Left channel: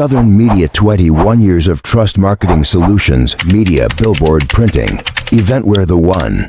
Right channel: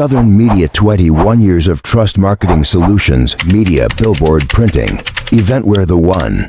Southern Media 21 years of trust marketing solutions, media, billboard, printing. Eventware the one.